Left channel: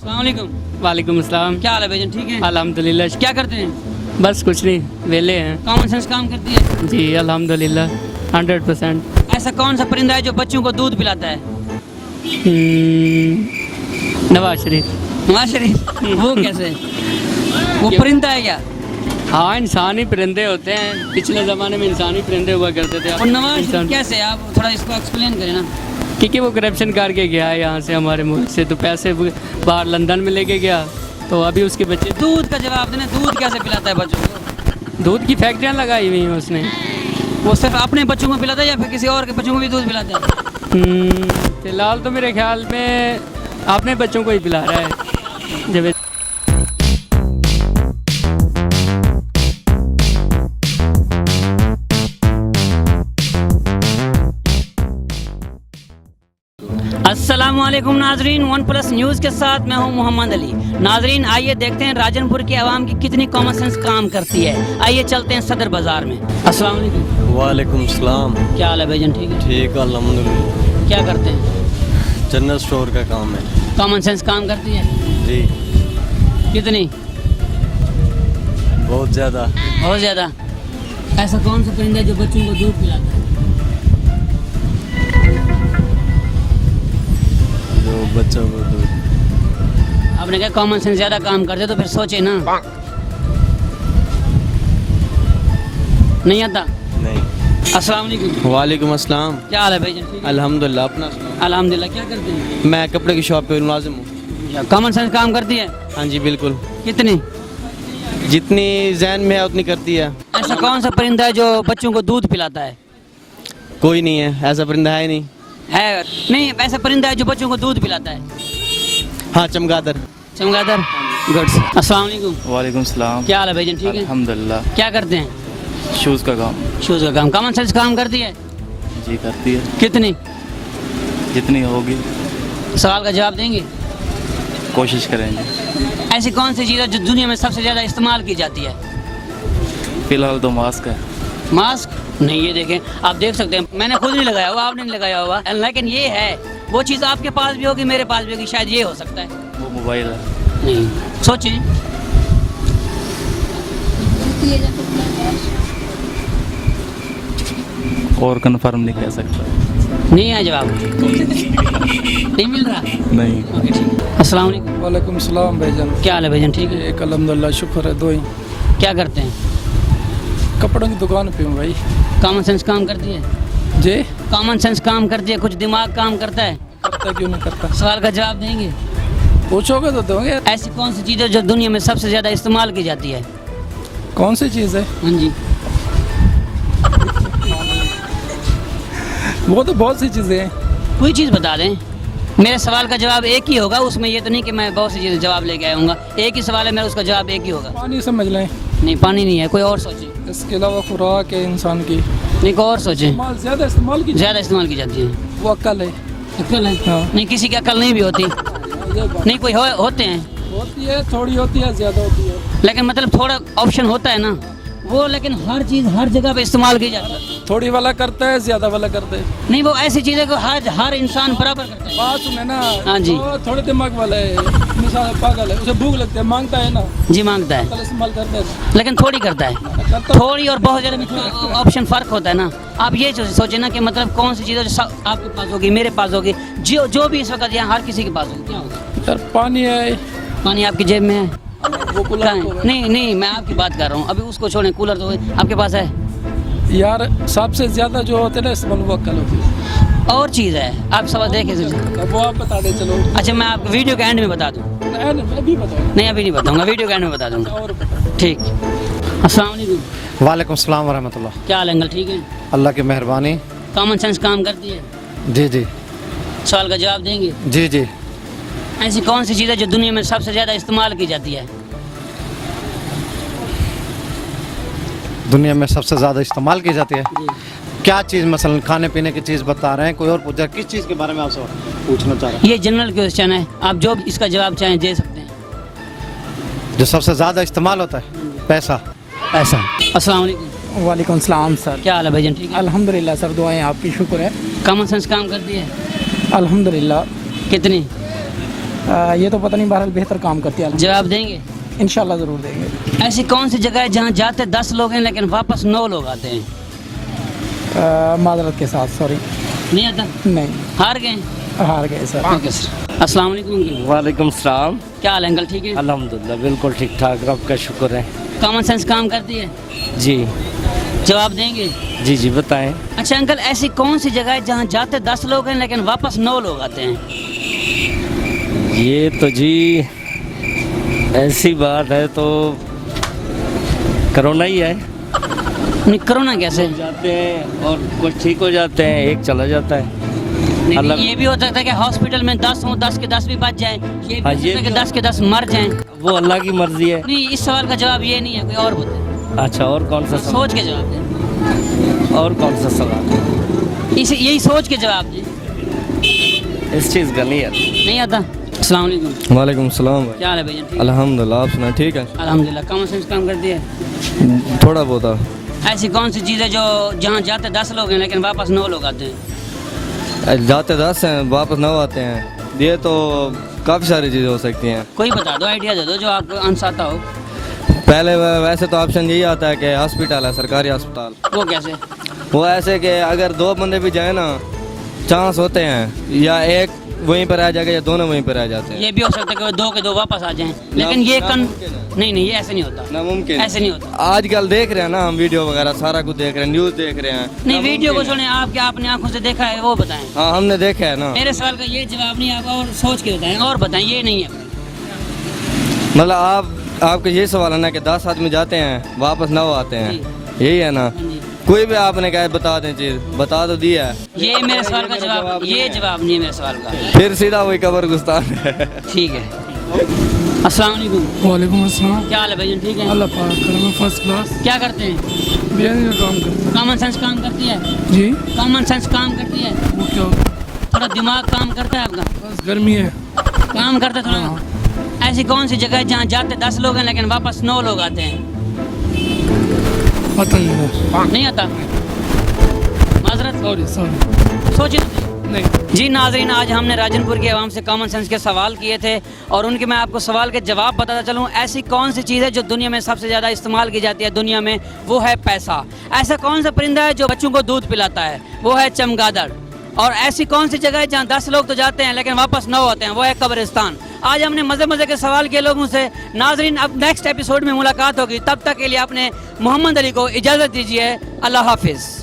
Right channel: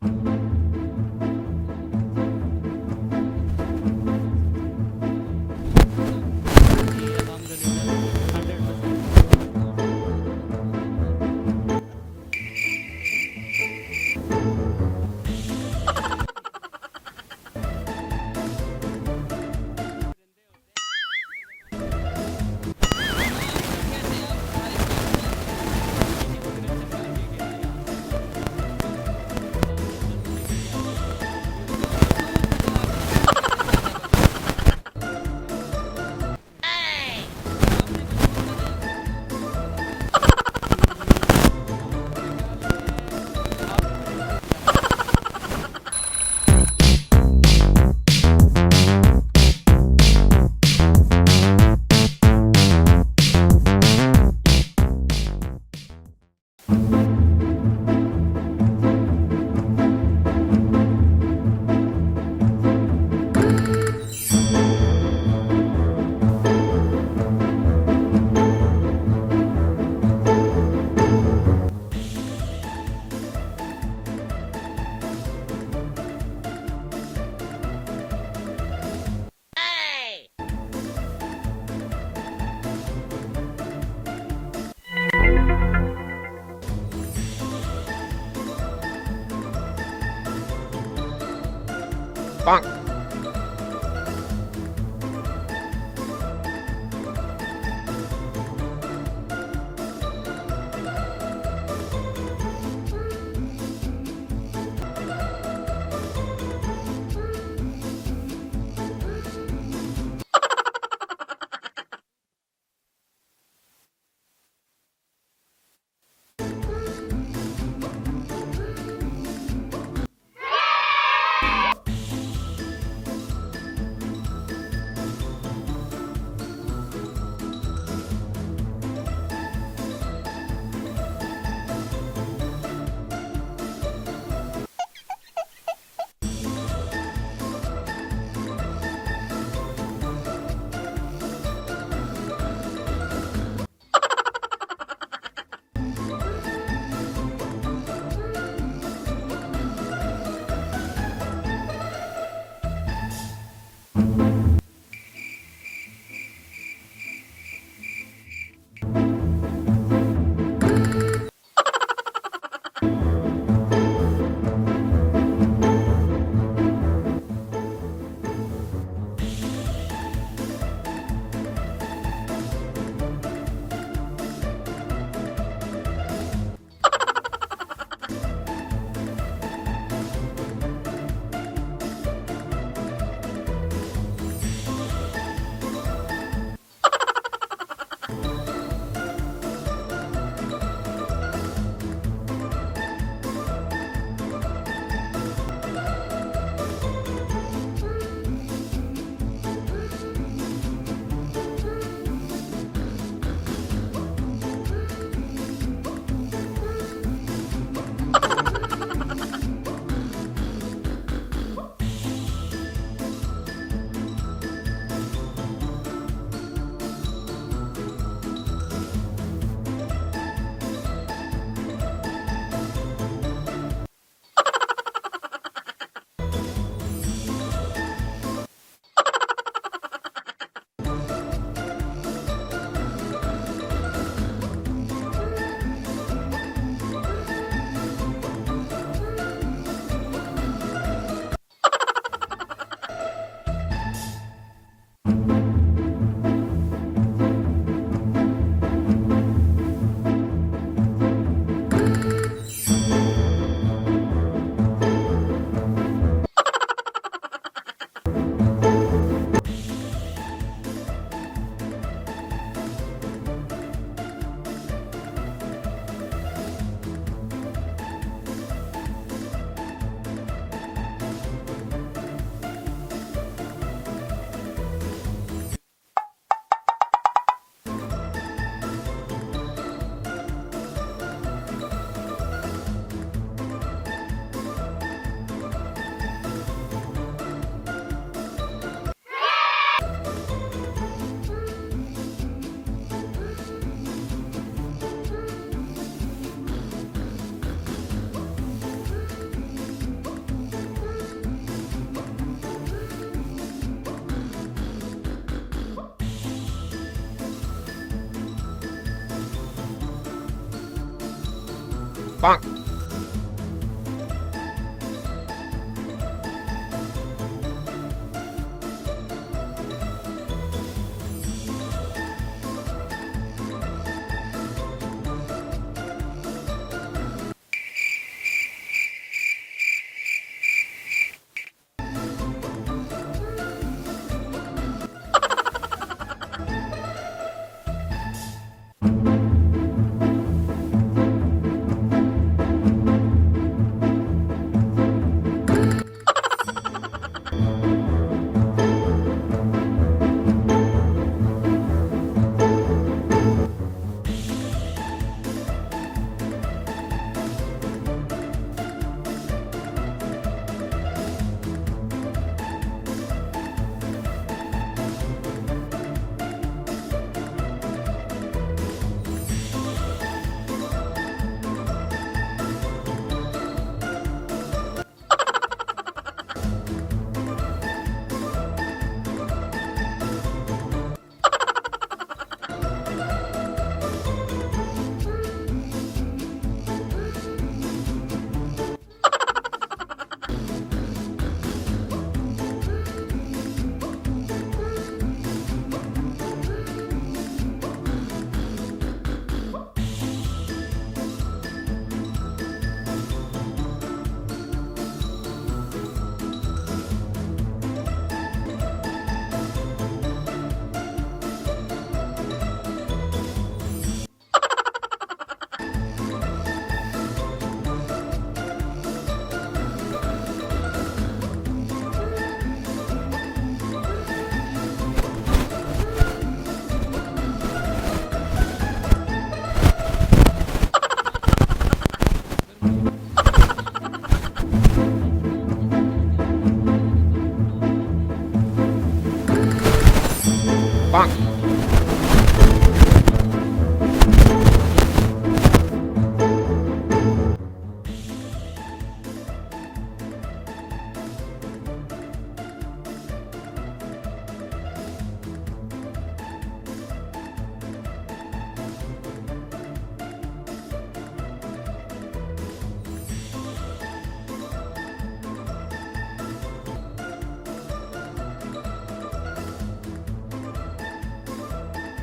अस्सलाम वालेकुम। वालेकुम अस्सलाम। क्या हाल है भाईजान, ठीक है? अल्हम्दुलिल्लाह। क्या करते हैं? बस कुछ नहीं, वेले हैं। कॉमन सेंस काम करती है? जी अल्हम्दुलिल्लाह 100%। ऐसा कौन सा परिंदा है जो बच्चों को दूध पिलाता है? नवाज शरीफ। नवाज शरीफ? वो कैसे? वो परिंदा है क्या? हाँ, इंसानी परिंदे होते हैं। पिछले ज़माने में इंसानी परिंदे हुआ करते थे। और नवाज कैसे? आप थोड़ा इसको एक्सप्लेन करें ना। क्योंकि वो करप्शन करके गया है यहाँ से, हमारे मुल्क से, तो पैसे बाहर लंदन में लेके गया, तो अभी उसके बच्चे। दूध का जवाब देना, दूध कैसे पिलाता है बच्चों को? दूध की फैक्ट्रियाँ लगाई हुई हैं उसने। वो सिर्फ अपने बच्चों को पिलाता है या फिर किसी और के बच्चों को भी दूध पिलाता है? फिलहाल तो मेरे ख्याल में अपने बच्चों को ही पिला रहा है। जब अस्सलामुअलैकुम नाजरीन, वन प्लस न्यूज़ के साथ मैं हूं मोहम्मद अली। नाजरीन आइए देखते हैं राजनपुर की आवाम की कितनी कॉमन सेंस काम करती है। आइए चलते हैं सदर बाजार में। अस्सलाम वालेकुम। वालेकुम सलाम। क्या हाल है भाईजान, ठीक है? ठीक अल्हम्दुलिल्लाह। क्या करते हैं? जनरल स्टोर का काम है कॉमन सेंस काम करती है? जी। कितनी? बहुत ज़्यादा। बहुत ज़्यादा। ऐसा कौन सा परिंदा है जो बच्चों को दूध पिलाता है? जो बच्चों को दूध। आपने कहा कॉमन सेंस ज़्यादा काम करते तो फिर सोचे ना। नहीं आता? नहीं। अस्सलाम वालेकुम। वालेकुम अस्सलाम। क्या हाल है भाईजान, ठीक है? अल्हम्दुलिल्लाह। अपना अल्हम्दुलिल्लाह। क्या करते हैं? मैं कपड़े की शॉप पे मुलाजिम हूँ। कॉमन सेंस काम करती है? हाँ जी बिल्कुल। कितनी? जितनी जहन में है उतनी करती है। ऐसा कौन सा परिंदा है जो बच्चों को दूध पिलाता है? कोई नहीं है, ऐसा परिंदा है नहीं। है नहीं, ऐसा परिंदा है जो बच्चों को दूध पिलाता है। हाँ, चमगादड़। चमगादड़। गुड। अस्सलाम वालेकुम। वालेकुम सलाम। क्या हाल है भाईजान, ठीक है? अल्हम्दुलिल्लाह। क्या करते हैं? शूज़ का काम। शूज़ का काम। कॉमन सेंस काम करती है? जी करती है, कितनी? जितनी होगी सवाल का जवाब देंगे? कोशिश करेंगे। ऐसी कौन सी चीज़ है जो दुनिया में सबसे ज़्यादा इस्तेमाल की जाती है? फ़िलहाल तो मास्क है। मास्क? नहीं, ये देखें, आप देख सकते हैं, मैंने खुद नहीं लगाया हुआ, आपने नहीं लगाया हुआ, लेकिन ये है वो चीज़ आपके पास भी होगी, मेरे पास भी होगी, शायद ये हो सकता है। वो मोबाइल है। नहीं, सोचें। और कंफर्म नहीं कह सकता। नहीं है जवाब? नहीं मिल रहा? नहीं। ओके, ठीक। अस्सलाम वालेकुम। वालेकुम सलाम भाईजान। क्या हाल है भाईजान, ठीक है? एक अल्हम्दुलिल्लाह, शुक्र है। दो ही क्या करते हैं? कपड़ों की दुकान पे हूँ भाई। कॉमन सेंस काम करती है? जी। कॉमन सेंस काम करती है, कुछ दिमाग काम करता है? करता क्यों नहीं करता? सवाल का जवाब देंगे? पूछोगे तो दोगे। ऐसी कौन सी चीज़ है जो दुनिया में सबसे ज़्यादा इस्तेमाल की जाती है? कौन सी चीज़ है? हाँ जी। वो तो बहुत सी चीज़ें हैं। कोई चीज़ बता दें। मेरे सवाल का जवाब एक ही होगा, उसमें ये तो नहीं कि मैं बहुत सी चीज़ें जवाब लेके आऊँगा। एक ही सवाल है मेरा, उसका जवाब एक ही होगा। पानी समझ लें। नहीं, पानी नहीं है, कोई और सोचें। इसके अलावा खुराक है इंसान की। नहीं, कोई और सोचें। ज़्यादा इस्तेमाल की ज़्यादा इस्तेमाल की जाती है। वो अक्ल है। अक्ल है? हाँ। नहीं, किसी की अक्ल नहीं भी होती। नहीं, कोई होते हैं, होती है, थोड़ी होती है, ज़्यादा होती है। लेकिन मतलब थोड़ा ऑप्शन होता है ना वो, लेकिन हर चीज़ हर जगह पे इस्तेमाल की जाती है। थोड़ी वाला करता है, ज़्यादा वाला करता है। नहीं, वो ऐसी चीज़ है कि हर इंसान बराबर करता है। बात सुने ना। हाँ जी। वो थोड़े दिमाग वाला है, मिसाल पागल है, उसे भूख लगती है, मांगता है ना, जी मांगता है, कल इस्तेमाल करता है। लेकिन थोड़ी करता है। थोड़ी और बहुत ज़्यादा में ऑप्शन फ़र्क होता है ना। आप ये सोचें ना कि मतलब कौन सी चीज़ है जो आपके पास होगी, मेरे पास होगी, जो भी इस वक्त यहाँ हर किसी के पास होगी। सर पानी है। पानी आपकी जेब में है? वो कूलर कहाँ है? नहीं नहीं, मैं आपकी बात कर रहा हूँ। अभी उसको छोड़ें, कूलर तो आपके पास है। यार सबसे ज्यादा जो होते हैं ना इस्तेमाल वो अक्ल होती है। और चीज़ है, आप सवाल देखें। वो आप बता दें चलो। अच्छा, मैं आपको वीडियो के एंड में बता दूँ? अभी बताओ। नहीं, अभी नहीं बताऊँगा, वीडियो के एंड में बता दूँगा। और ठीक। अस्सलाम वालेकुम। वालेकुम सलाम वरहमतुल्लाह। क्या हाल है अंकल, ठीक है? अल्लाह की मेहरबानी। कॉमन सेंस काम करती है? जी जी। सवाल का जवाब देंगे? जी जी। ऐसी कौन सी चीज़ है जो दुनिया में सबसे ज़्यादा इस्तेमाल की जाती है? दुनिया में सबसे ज़्यादा इस्तेमाल की जाती है? क्या चीज़? मसलन खाने पीने की चीज़ बता रहे हैं, कोई और पूछा किस चीज़ के बारे में आपसे पूछना चाह रहे हैं? ये जनरल क्वेश्चन है, आप जो भी इसका जवाब चाहें दे सकते हैं। जो सबसे ज़्यादा इस्तेमाल होता है? पैसा। ऐसा। अस्सलाम वालेकुम। वालेकुम सलाम सर। क्या हाल है भाईजान, ठीक है? अल्हम्दुलिल्लाह सर, दुआएं आपकी, शुक्र है। कॉमन सेंस काम करती है? अल्हम्दुलिल्लाह। कितनी? ये तो पता नहीं, बहरहाल बेहतर काम करती है। जवाब देंगे? इंशाल्लाह ज़रूर देंगे। ऐसी कौन सी जगह है जहाँ जाते 10 लोग हैं लेकिन वापस 9 लोग आते हैं? माजरत के साथ, सॉरी, नहीं आता? नहीं, हार गए? हार गए सर। Okay sir. अस्सलाम वालेकुम अंकल। वालेकुम सलाम। क्या हाल है अंकल, ठीक है? अल्हम्दुलिल्लाह बिल्कुल ठीक ठाक, रब का शुक्र है। कॉमन सेंस काम करती है? जी जवाब देंगे? जी जी बताएं। अच्छा अंकल, ऐसी कौन सी जगह है जहाँ जाते 10 लोग हैं लेकिन वापस 9 लोग आते हैं? ये तो जी ऐसी बात है तो कोरोना ही है। नहीं, कोरोना कैसे? जाते हैं और कुछ ठीक हो जाते हैं, एक चला जाता है। नहीं, अल्लाह- ये भी हो सकता है कि हॉस्पिटल में 10 हों, 10 के 10 भी बच जाएं। ये भी हाँ, हो ये सकता है कि भी 10 के 10 मर जाएं। वो अल्लाह की मर्जी है। नहीं, इस सवाल का जवाब ये नहीं है, कोई और बताए। अच्छा, और कौन सा सवाल? सोच के जवाब दें। और कौन सा सवाल? यही सोच के जवाब दें। इस चीज़ का नहीं है। नहीं आता? अस्सलाम वालेकुम। वालेकुम सलाम। क्या हाल है भैया, ठीक है? अल्हम्दुलिल्लाह, आप सुना ठीक है? अल्हम्दुलिल्लाह। कॉमन सेंस काम करती है? थोड़ा बहुत। ऐसी कौन सी चीज़ है जो जहाँ जाते 10 लोग हैं लेकिन वापस 9 लोग आते हैं? जाते 10 हैं, वापस 9 आते हैं। ये तो काफ़ी सारी चीज़ें हो सकती हैं। कोई बता दो, आइडिया दे दो जो आपको आंसर आता हो। पहले वैसे तो ऑप्शन यही आता है कि हॉस्पिटल है, सरकारी अस्पताल। वो कैसे? वो ऐसे कि अगर 2 बंदे भी जाए ना, चांस होते हैं या एक वहीं पर रह जाएगा या दोनों वहीं पर रह जाते हैं। ये भी हो सकता है कि वो 2 के 2 वापस आ जाएं, लेकिन ये नहीं, ये ऐसे नहीं होता। नामुमकिन। ऐसे नहीं होता। आजकल देख रहे हैं ना हम, वीडियो वगैरह सारा कुछ देख रहे हैं, न्यूज़ देख रहे हैं। नहीं, वीडियो को छोड़ें, आप क्या आपने आंखों से देखा है वो बताएं। हाँ, हमने देखा है ना। मेरे सवाल का ये जवाब नहीं, आप और सोच के बताएं और बताएं, ये नहीं है। मतलब आपका ये सवाल है ना कि 10 आदमी जाते हैं वापस 9 आते हैं, यही है ना? कोई भी आपने कहा बता दें चीज़, बता तो दिया है। ये मेरे सवाल का जवाब, ये जवाब नहीं है मेरे सवाल का। फिर सीधा वही कब्रिस्तान है। ठीक है। अस्सलाम वालेकुम। वालेकुम अस्सलाम। क्या हाल है भाई, ठीक है? अल्लाह पाक करम, फर्स्ट क्लास। क्या करते हैं? बिरयानी का काम करते कॉमन सेंस काम करती है? हैं। जी, कॉमन सेंस काम करती है? वो क्या होता है? थोड़ा दिमाग काम करता है आपका? बस गर्मी है। काम करते थोड़ा। ऐसी कौन सी जगह है जहाँ जाते 10 लोग हैं लेकिन वापस 9 लोग आते हैं? पता नहीं। नहीं आता? माजरत, सॉरी। सोचिए। नहीं। जी नाजरीन, आज हमने राजनपुर के अवाम से कॉमन सेंस के सवाल किए थे और उनके मैं आपको सवाल के जवाब बताता चलूँ। ऐसी कौन सी चीज़ है जो दुनिया में सबसे ज़्यादा इस्तेमाल की जाती है दुनिया में? वो है पैसा। ऐसा कौन सा परिंदा है जो बच्चों को दूध पिलाता है? वो है चमगादड़। और ऐसी कौन सी जगह है जहाँ 10 लोग तो जाते हैं लेकिन वापस 9 आते हैं? वो है कब्रिस्तान। आज हमने मज़े मज़े के सवाल किए लोगों से। नाजरीन, अब नेक्स्ट एपिसोड में मुलाकात होगी, तब तक के लिए आपने मोहम्मद अली को इजाज़त दीजिए। अल्लाह हाफिज़।